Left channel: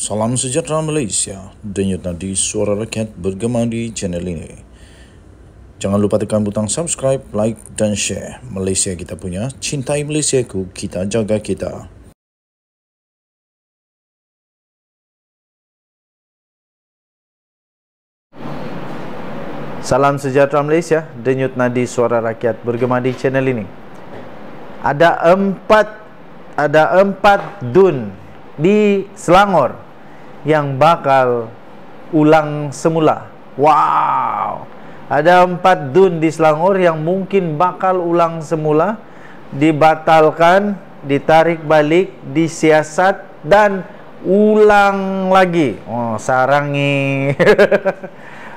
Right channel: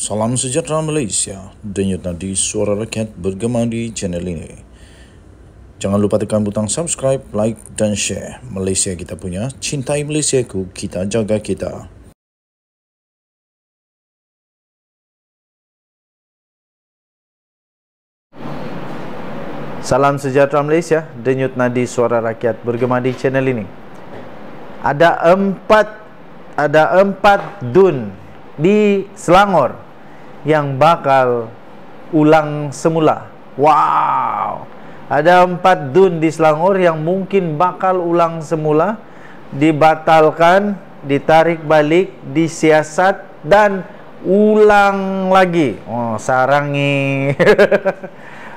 Salam sejahtera Malaysia, denyut nadi suara rakyat bergema di channel ini. Jangan lupa tekan butang subscribe, like dan share. Malaysia kita punya, cintai Malaysiaku, kita jaga kita. Salam sejahtera Malaysia, denyut nadi suara rakyat bergema di channel ini. Ada empat dun di Selangor yang bakal ulang semula. Wow. Ada 4 dun di Selangor yang mungkin bakal ulang semula, dibatalkan, ditarik balik, disiasat dan ulang lagi. Oh, sarangi.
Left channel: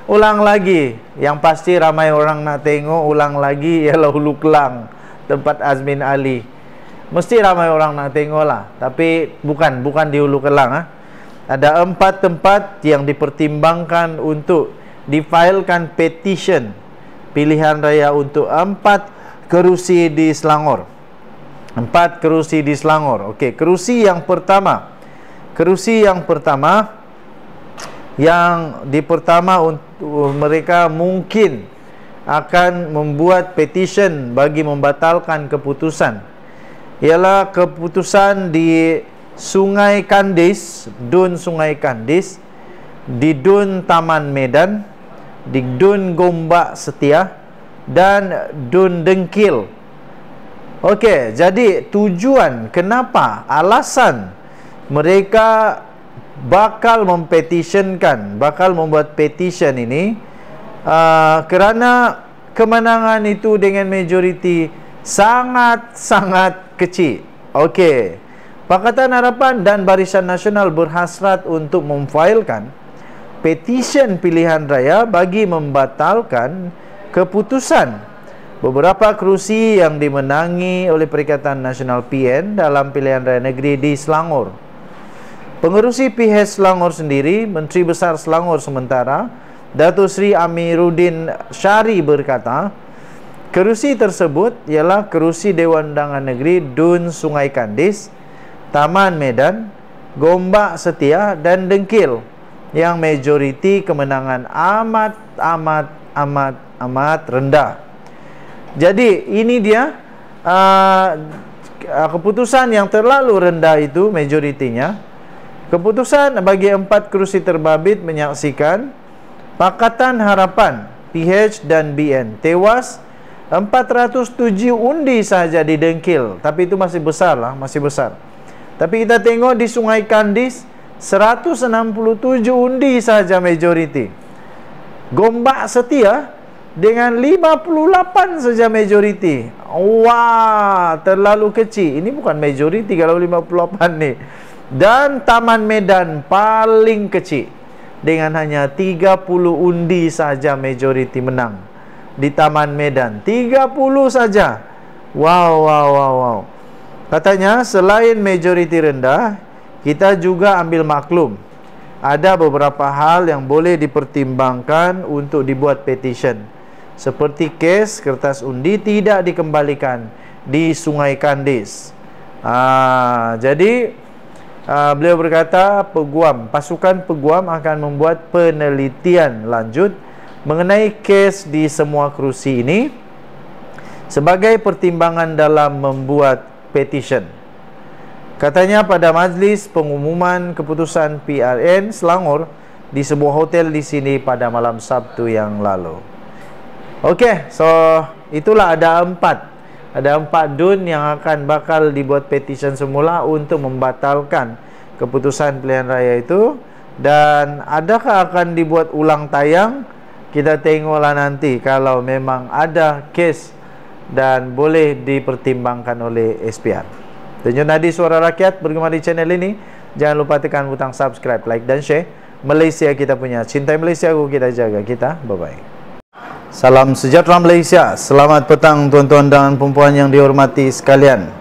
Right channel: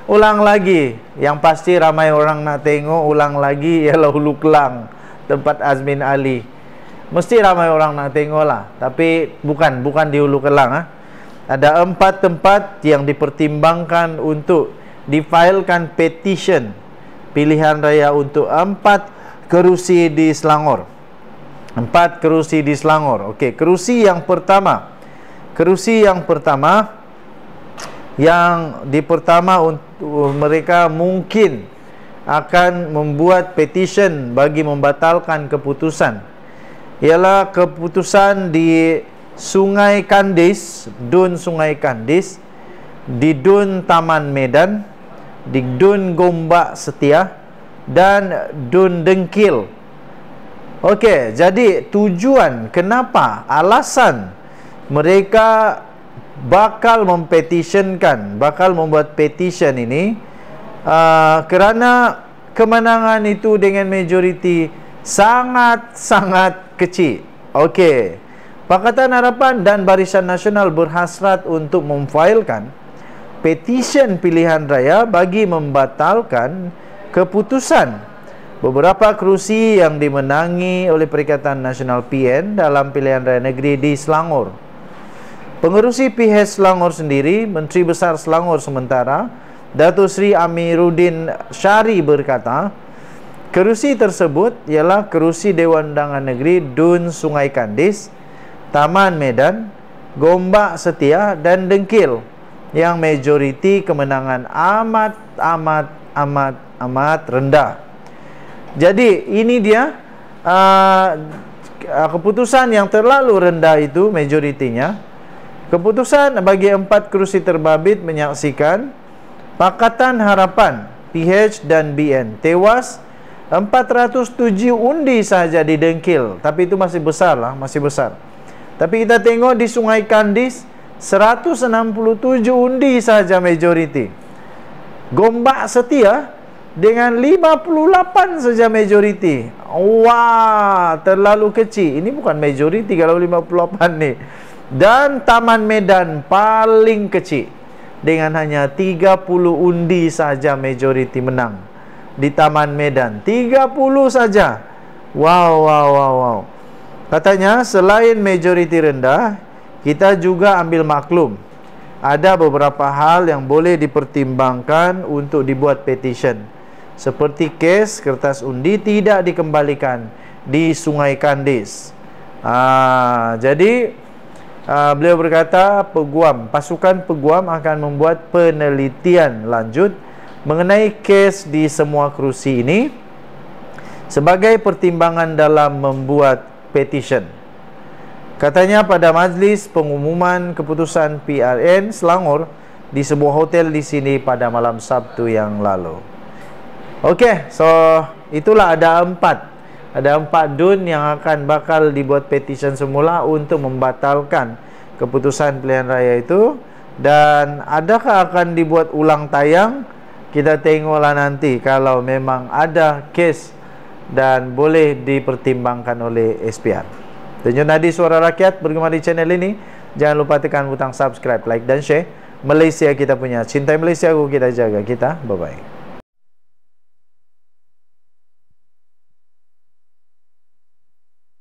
Ulang lagi. Yang pasti ramai orang nak tengok ulang lagi ialah Hulu Kelang, tempat Azmin Ali. Mesti ramai orang nak tengok lah. Tapi bukan di Hulu Kelang. Ada 4 tempat yang dipertimbangkan untuk difailkan petition pilihan raya untuk 4 kerusi di Selangor. 4 kerusi di Selangor. Okey, kerusi yang pertama untuk mereka mungkin akan membuat petition bagi membatalkan keputusan ialah keputusan di Sungai Kandis, Dun Sungai Kandis, di Dun Taman Medan, di Dun Gombak Setia dan Dun Dengkil. Okey, jadi tujuan kenapa, alasan mereka bakal mempetitionkan, bakal membuat petition ini kerana kemenangan itu dengan majoriti sangat-sangat kecil. Okey, Pakatan Harapan dan Barisan Nasional berhasrat untuk memfailkan petition pilihan raya bagi membatalkan keputusan beberapa kerusi yang dimenangi oleh Perikatan Nasional PN dalam pilihan raya negeri di Selangor. Pengerusi PH Selangor sendiri, Menteri Besar Selangor sementara, Datuk Seri Amiruddin Syari berkata, kerusi tersebut ialah kerusi Dewan Undangan Negeri Dun Sungai Kandis, Taman Medan, Gombak Setia dan Dengkil yang majoriti kemenangan amat rendah. Jadi ini dia keputusan yang terlalu rendah itu majoritinya. Keputusan bagi 4 kerusi terbabit menyaksikan Pakatan Harapan, PH dan BN tewas 407 undi sahaja di Dengkil. Tapi itu masih besar lah, masih besar. Tapi kita tengok di Sungai Kandis 167 undi sahaja majoriti. Gombak Setia dengan 58 saja majoriti. Wah, terlalu kecil. Ini bukan majoriti kalau 58 ni. Dan Taman Medan paling kecil dengan hanya 30 undi saja majoriti menang. Di Taman Medan 30 saja. Wow. Katanya selain majoriti rendah, kita juga ambil maklum ada beberapa hal yang boleh dipertimbangkan untuk dibuat petition. Seperti kes kertas undi tidak dikembalikan di Sungai Kandis. Jadi beliau berkata pasukan peguam akan membuat penelitian lanjut mengenai kes di semua kerusi ini sebagai pertimbangan dalam membuat petition. Katanya pada majlis pengumuman keputusan PRN Selangor di sebuah hotel di sini pada malam Sabtu yang lalu. Okey, so itulah ada 4 dun yang akan bakal dibuat petition semula untuk membatalkan keputusan pilihan raya itu. Dan adakah akan dibuat ulang tayang? Kita tengoklah nanti kalau memang ada kes dan boleh dipertimbangkan oleh SPR. Denyut nadi suara rakyat bergema di channel ini. Jangan lupa tekan butang subscribe, like dan share. Malaysia kita punya, cintai Malaysiaku, kita jaga kita. Bye-bye. Salam sejahtera Malaysia. Selamat petang tuan-tuan dan puan-puan yang dihormati sekalian.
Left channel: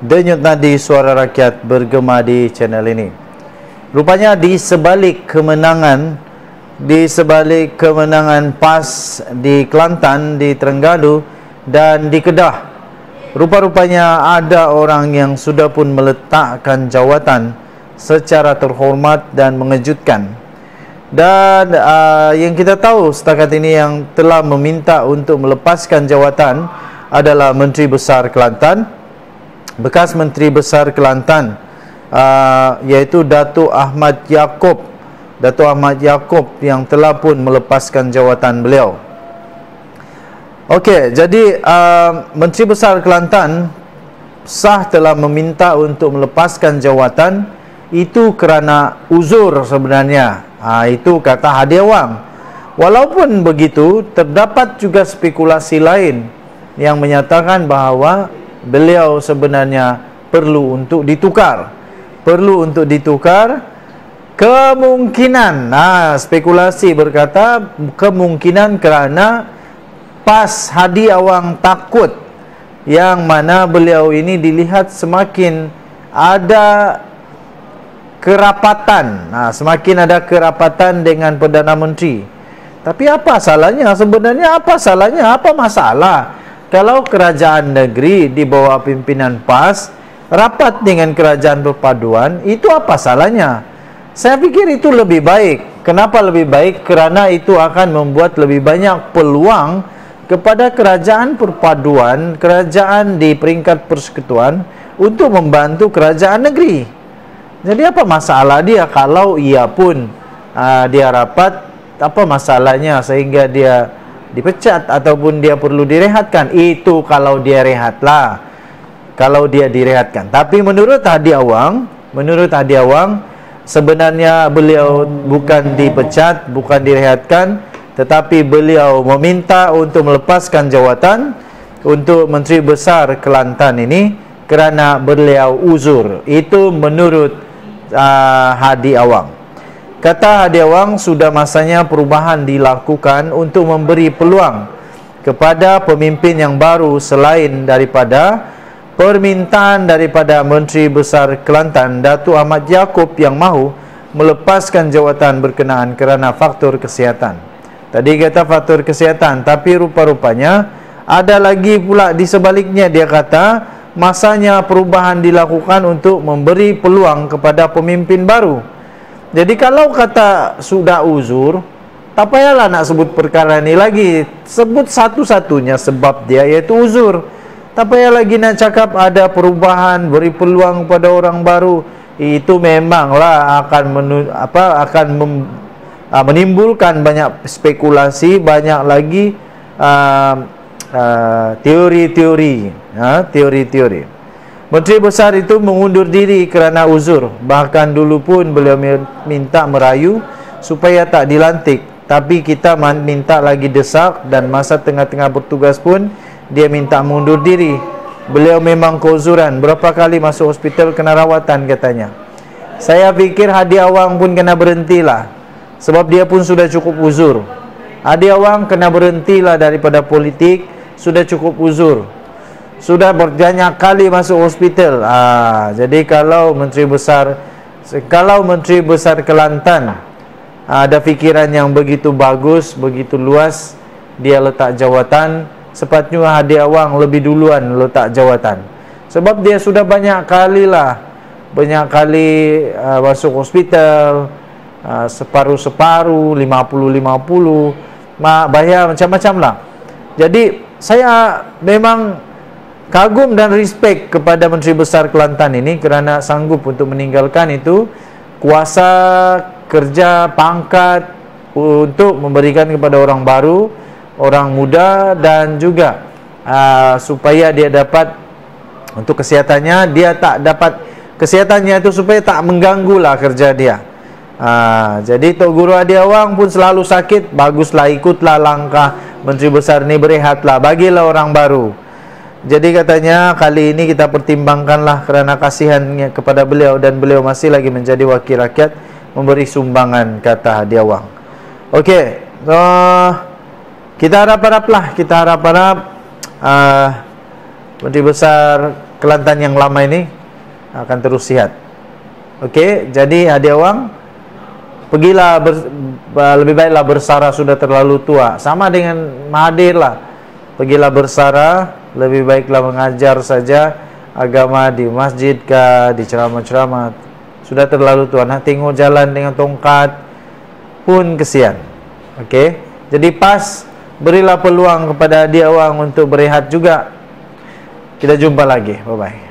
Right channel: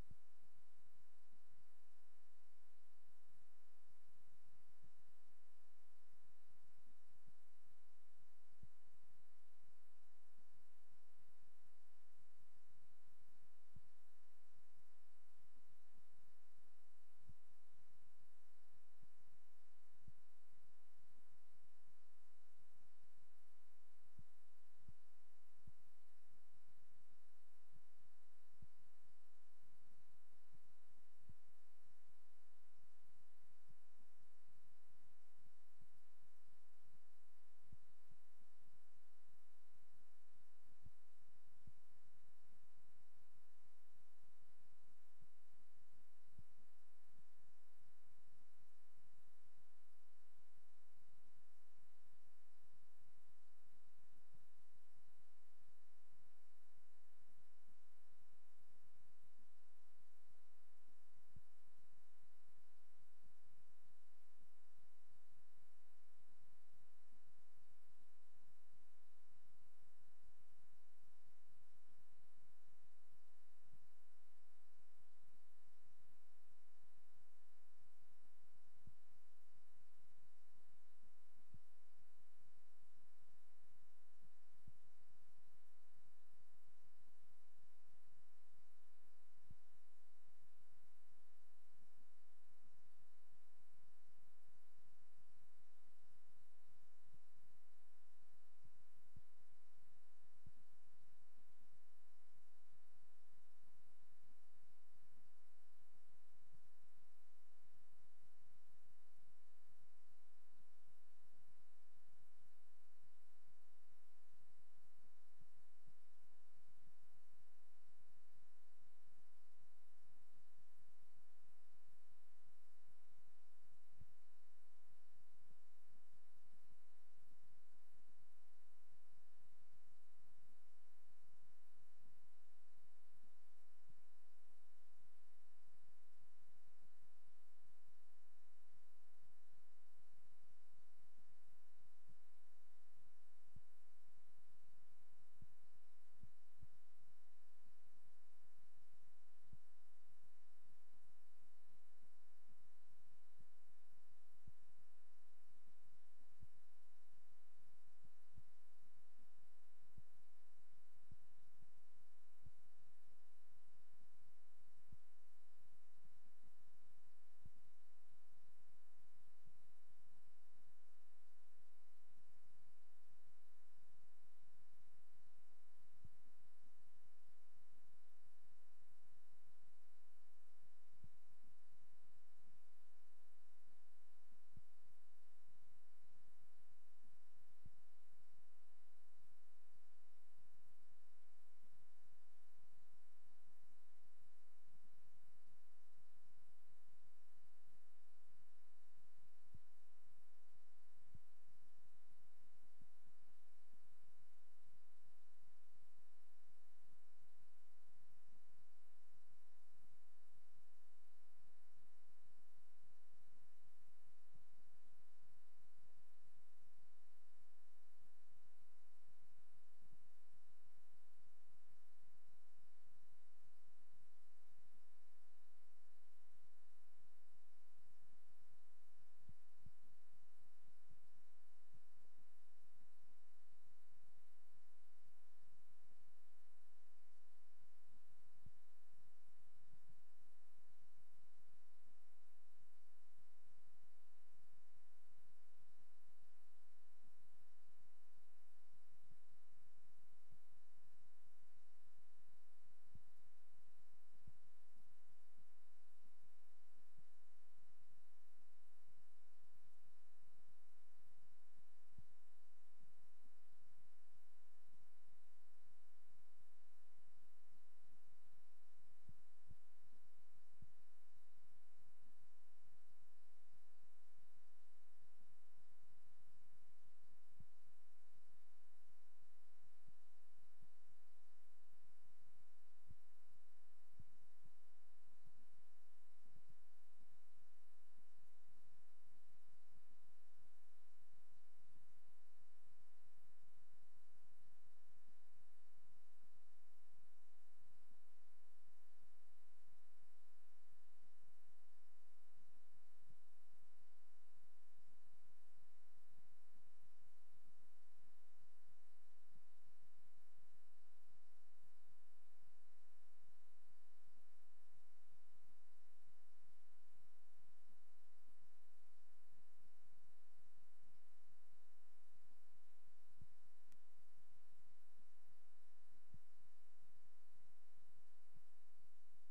Denyut nadi suara rakyat bergema di channel ini. Rupanya di sebalik kemenangan PAS di Kelantan, di Terengganu dan di Kedah, rupa-rupanya ada orang yang sudah pun meletakkan jawatan secara terhormat dan mengejutkan. Dan yang kita tahu setakat ini yang telah meminta untuk melepaskan jawatan adalah Menteri Besar Kelantan, bekas Menteri Besar Kelantan, iaitu Datuk Ahmad Yaakob. Datuk Ahmad Yaakob yang telah pun melepaskan jawatan beliau. Okey, jadi Menteri Besar Kelantan sah telah meminta untuk melepaskan jawatan itu kerana uzur sebenarnya. Itu kata Hadi Awang. Walaupun begitu, terdapat juga spekulasi lain yang menyatakan bahawa beliau sebenarnya perlu untuk ditukar. Perlu untuk ditukar. Kemungkinan, spekulasi berkata kemungkinan kerana PAS Hadi Awang takut yang mana beliau ini dilihat semakin ada kerapatan, semakin ada kerapatan dengan Perdana Menteri. Tapi apa salahnya sebenarnya? Apa salahnya? Apa masalah kalau kerajaan negeri di bawah pimpinan PAS rapat dengan kerajaan perpaduan? Itu apa salahnya? Saya pikir itu lebih baik. Kenapa lebih baik? Kerana itu akan membuat lebih banyak peluang kepada kerajaan perpaduan, kerajaan di peringkat persekutuan untuk membantu kerajaan negeri. Jadi apa masalah dia kalau ia pun dia rapat, apa masalahnya sehingga dia dipecat ataupun dia perlu direhatkan? Itu kalau dia rehatlah, kalau dia direhatkan. Tapi menurut Hadi Awang sebenarnya beliau bukan dipecat, bukan direhatkan, tetapi beliau meminta untuk melepaskan jawatan untuk Menteri Besar Kelantan ini kerana beliau uzur. Itu menurut Hadi Awang. Kata Hadi Awang, sudah masanya perubahan dilakukan untuk memberi peluang kepada pemimpin yang baru selain daripada permintaan daripada Menteri Besar Kelantan Datuk Ahmad Yaakob yang mahu melepaskan jawatan berkenaan kerana faktor kesihatan. Tadi kata faktor kesihatan, tapi rupa-rupanya ada lagi pula di sebaliknya. Dia kata masanya perubahan dilakukan untuk memberi peluang kepada pemimpin baru. Jadi kalau kata sudah uzur, tak payahlah nak sebut perkara ini lagi. Sebut satu-satunya sebab dia, iaitu uzur. Tak payah lagi nak cakap ada perubahan, beri peluang kepada orang baru. Itu memanglah akan menimbulkan banyak spekulasi, banyak lagi teori-teori. Menteri Besar itu mengundur diri kerana uzur. Bahkan dulu pun beliau minta merayu supaya tak dilantik. Tapi kita minta lagi desak, dan masa tengah-tengah bertugas pun dia minta mundur diri. Beliau memang keuzuran. Berapa kali masuk hospital kena rawatan katanya. Saya fikir Hadi Awang pun kena berhentilah, sebab dia pun sudah cukup uzur. Hadi Awang kena berhentilah daripada politik, sudah cukup uzur. Sudah berbanyak kali masuk hospital. Jadi kalau Menteri Besar Kelantan ada fikiran yang begitu bagus, begitu luas, dia letak jawatan, sepatutnya Hadi Awang lebih duluan letak jawatan. Sebab dia sudah banyak kali masuk hospital, separuh-separuh, 50-50, bayar macam-macam lah. Jadi saya memang kagum dan respect kepada Menteri Besar Kelantan ini kerana sanggup untuk meninggalkan itu kuasa kerja, pangkat untuk memberikan kepada orang baru, orang muda, dan juga supaya dia dapat untuk kesehatannya, dia tak dapat kesehatannya itu supaya tak mengganggulah kerja dia. Jadi Tok Guru Hadi Awang pun selalu sakit, baguslah ikutlah langkah Menteri Besar ni, berehatlah, bagilah orang baru. Jadi katanya kali ini kita pertimbangkanlah kerana kasihannya kepada beliau, dan beliau masih lagi menjadi wakil rakyat, memberi sumbangan, kata Hadi Awang. Okey, kita harap-haraplah, Menteri Besar Kelantan yang lama ini akan terus sihat. Okey, jadi Hadi Awang, pergilah lebih baiklah bersara, sudah terlalu tua. Sama dengan Mahathir lah, pergilah bersara, lebih baiklah mengajar saja agama di masjid kah, di ceramah-ceramah. sudah terlalu tua. Nak tengok jalan dengan tongkat pun kesian. Okey. Jadi pas, berilah peluang kepada dia orang untuk berehat juga. Kita jumpa lagi. Bye-bye.